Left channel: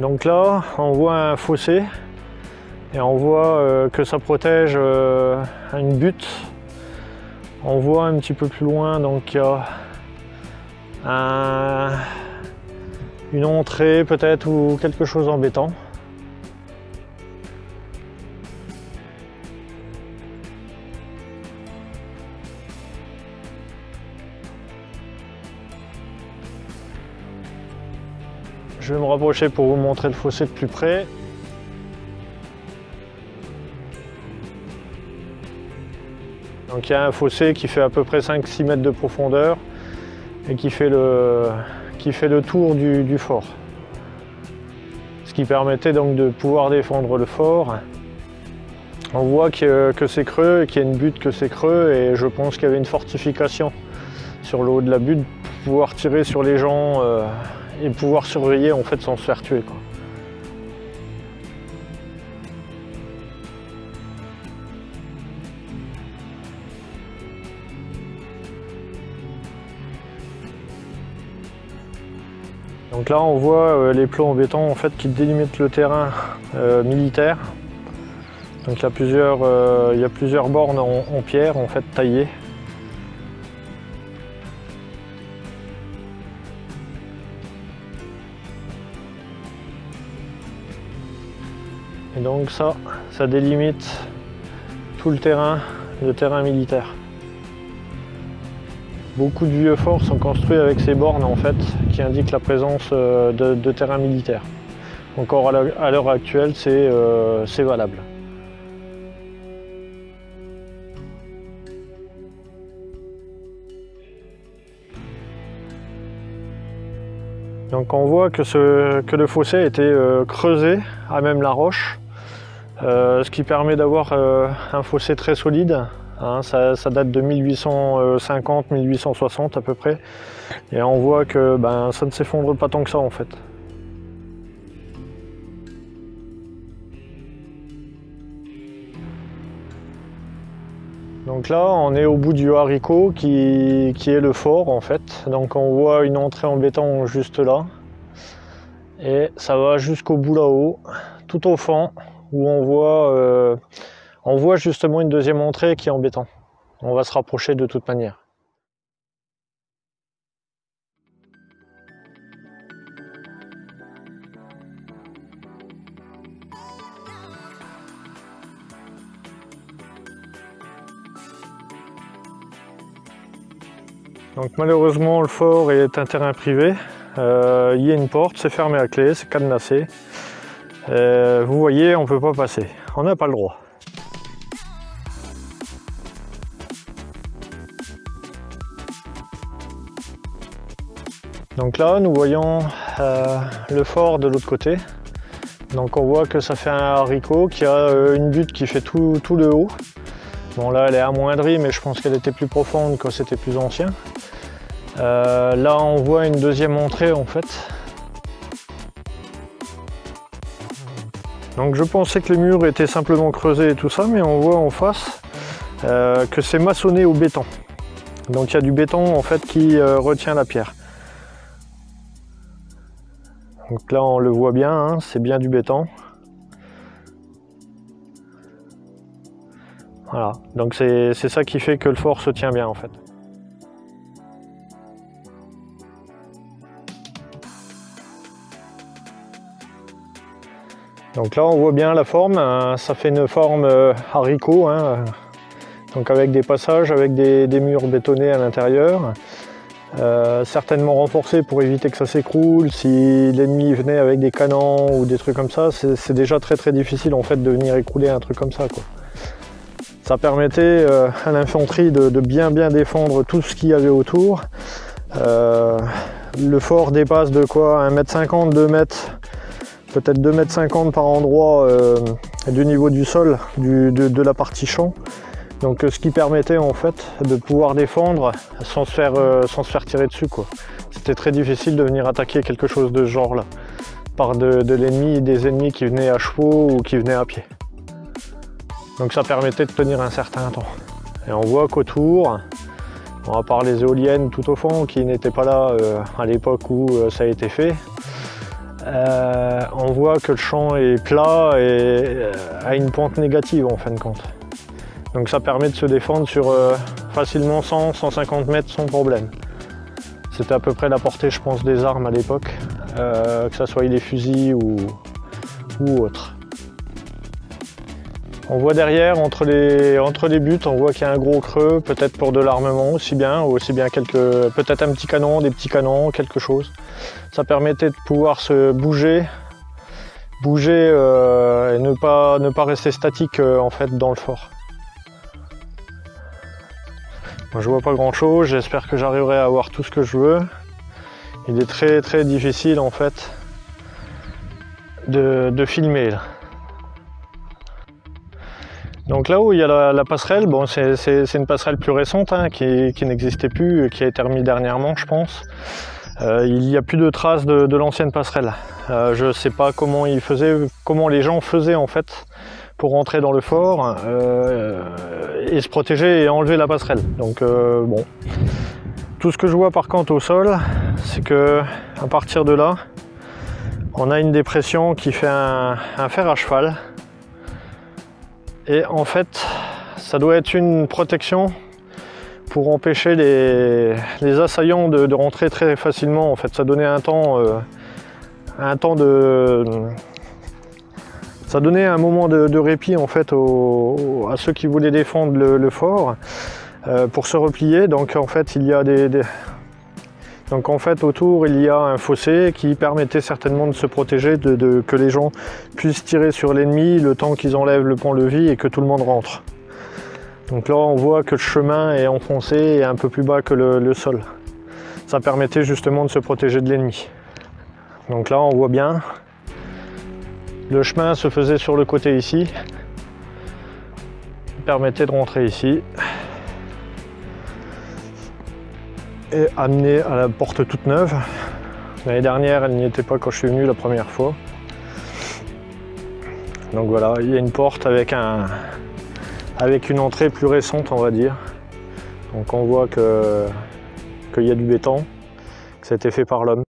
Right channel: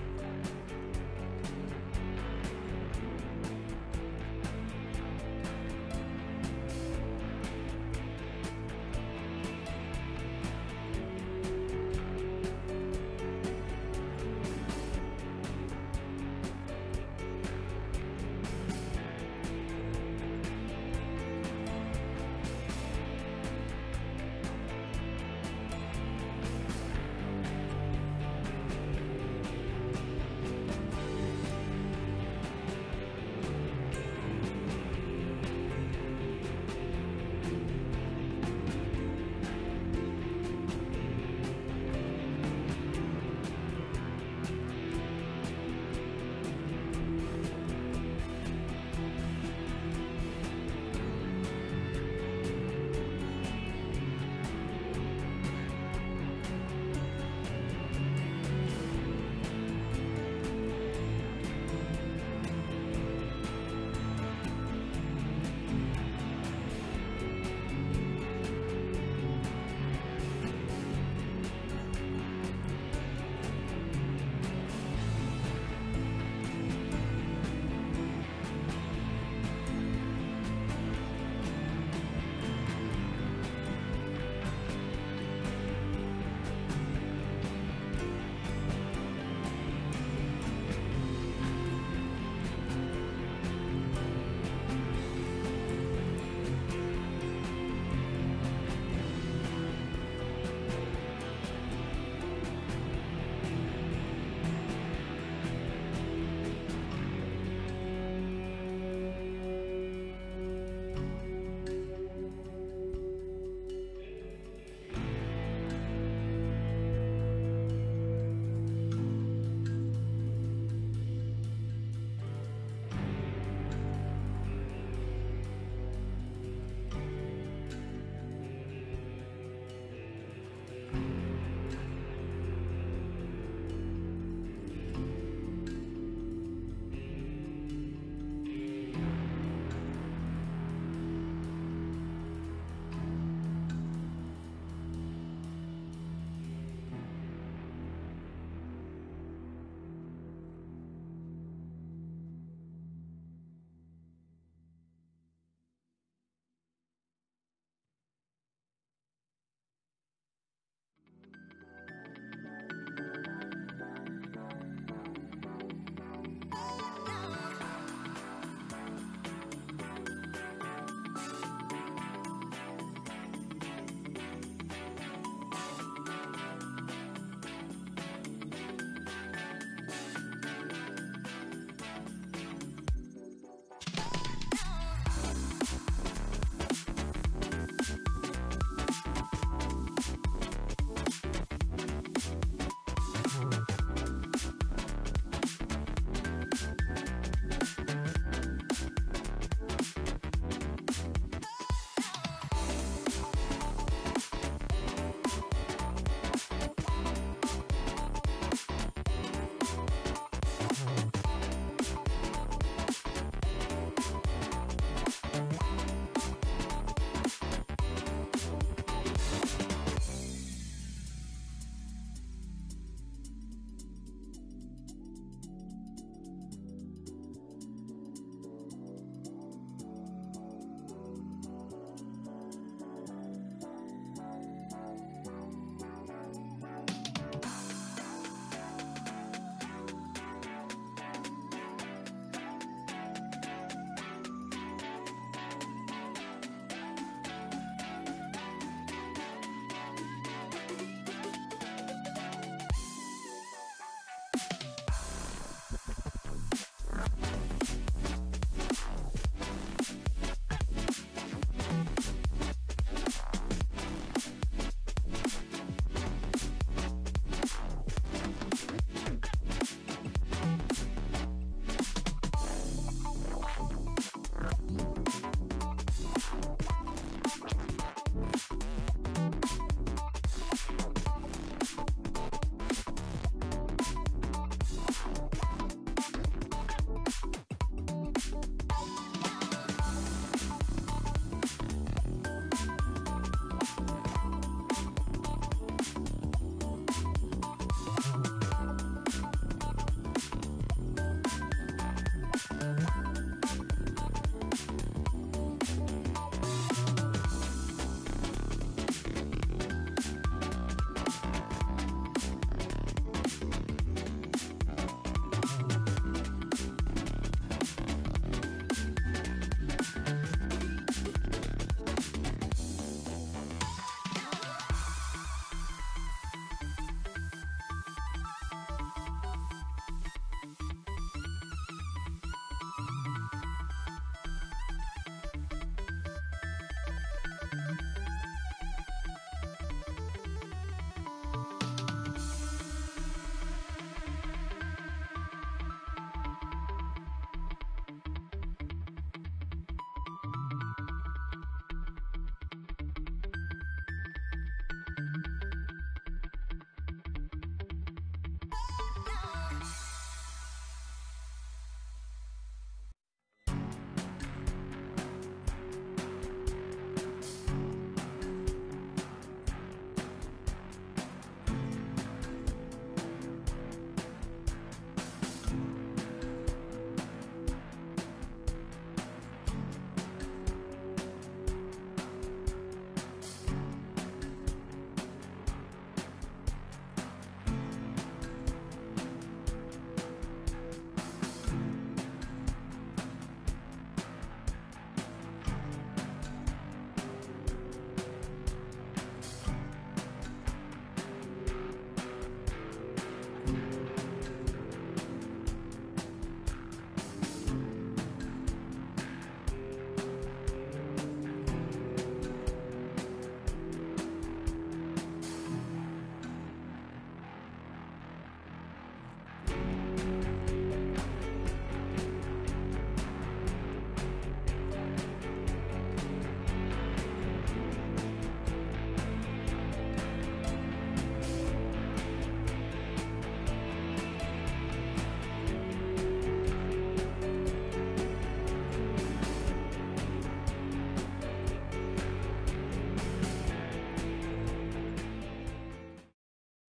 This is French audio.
Donc là, on voit un fossé et on voit que ça protège une butte. On voit un petit peu plus loin, donc il y a une entrée peut-être ou quelque chose en béton. Je vais me rapprocher pour vous montrer le fossé de plus près. Donc il y a un fossé qui fait à peu près 5-6 mètres de profondeur et qui fait le tour du fort. Ce qui permettait donc de pouvoir défendre le fort. On voit que c'est creux, qu'il y a une butte que c'est creux et je pense qu'il y avait une fortification sur le haut de la butte pour pouvoir tirer sur les gens et pouvoir surveiller en fait sans se faire tuer, quoi. Donc là on voit les plots en béton en fait qui délimitent le terrain militaire. Donc il y a plusieurs bornes en pierre en fait taillées. Et donc ça délimite tout le terrain militaire. Beaucoup de vieux forts sont construits avec ces bornes en fait, qui indiquent la présence de terrain militaire. Encore à l'heure actuelle, c'est valable. Donc on voit que le fossé a été creusé à même la roche, ce qui permet d'avoir un fossé très solide. Hein, ça date de 1850-1860 à peu près. Et on voit que ça ne s'effondre pas tant que ça en fait. Donc là on est au bout du haricot qui est le fort en fait. Donc on voit une entrée en béton juste là. Et ça va jusqu'au bout là-haut, tout au fond, où on voit justement une deuxième entrée qui est en béton. On va se rapprocher de toute manière. Donc malheureusement le fort est un terrain privé. Il y a une porte, c'est fermé à clé, c'est cadenassé. Vous voyez, on ne peut pas passer, on n'a pas le droit. Donc là, nous voyons le fort de l'autre côté. Donc on voit que ça fait un haricot qui a une butte qui fait tout le haut. Bon là, elle est amoindrie, mais je pense qu'elle était plus profonde quand c'était plus ancien. Là, on voit une deuxième entrée en fait. Donc je pensais que les murs étaient simplement creusés et tout ça, mais on voit en face que c'est maçonné au béton. Donc il y a du béton en fait qui retient la pierre. Donc là on le voit bien, hein, c'est bien du béton. Voilà, donc c'est ça qui fait que le fort se tient bien en fait. Donc là on voit bien la forme, ça fait une forme haricot, hein, donc avec des passages, avec des murs bétonnés à l'intérieur, certainement renforcés pour éviter que ça s'écroule. Si l'ennemi venait avec des canons ou des trucs comme ça, c'est déjà très difficile en fait de venir écrouler un truc comme ça, quoi. Ça permettait à l'infanterie de bien défendre tout ce qu'il y avait autour. Le fort dépasse de quoi 1,50 m, 2 mètres, peut-être 2,50 m par endroit du niveau du sol, de la partie champ. Donc ce qui permettait en fait de pouvoir défendre sans se faire tirer dessus, quoi. C'était très difficile de venir attaquer quelque chose de ce genre là, par de l'ennemi, des ennemis qui venaient à chevaux ou qui venaient à pied. Donc ça permettait de tenir un certain temps. Et on voit qu'autour, à part les éoliennes tout au fond qui n'étaient pas là à l'époque où ça a été fait, on voit que le champ est plat et a une pente négative en fin de compte. Donc ça permet de se défendre sur facilement 100-150 mètres sans problème. C'était à peu près la portée, je pense, des armes à l'époque, que ce soit les fusils ou autres. On voit derrière, entre les buts, on voit qu'il y a un gros creux, peut-être pour de l'armement aussi bien peut-être un petit canon, des petits canons, quelque chose. Ça permettait de pouvoir se bouger et ne pas rester statique en fait dans le fort. Moi, je vois pas grand chose, j'espère que j'arriverai à avoir tout ce que je veux. Il est très très difficile en fait de filmer là. Donc là-haut il y a la passerelle, bon, c'est une passerelle plus récente hein, qui n'existait plus, qui a été remise dernièrement je pense. Il n'y a plus de traces de l'ancienne passerelle. Je ne sais pas comment les gens faisaient en fait pour rentrer dans le fort et se protéger et enlever la passerelle. Donc bon. Tout ce que je vois par contre au sol, c'est que à partir de là, on a une dépression qui fait un fer à cheval. Et en fait, ça doit être une protection pour empêcher les assaillants de rentrer très facilement. En fait, ça donnait ça donnait un moment de répit en fait à ceux qui voulaient défendre le fort pour se replier. Donc en fait, autour il y a un fossé qui permettait certainement de se protéger, que les gens puissent tirer sur l'ennemi le temps qu'ils enlèvent le pont-levis et que tout le monde rentre. Donc là on voit que le chemin est enfoncé et un peu plus bas que le sol. Ça permettait justement de se protéger de l'ennemi. Donc là on voit bien, le chemin se faisait sur le côté ici, il permettait de rentrer ici. Et amener à la porte toute neuve. L'année dernière, elle n'y était pas quand je suis venu la première fois. Donc voilà, il y a une porte avec une entrée plus récente, on va dire. Donc on voit qu'il y a du béton, que ça a été fait par l'homme.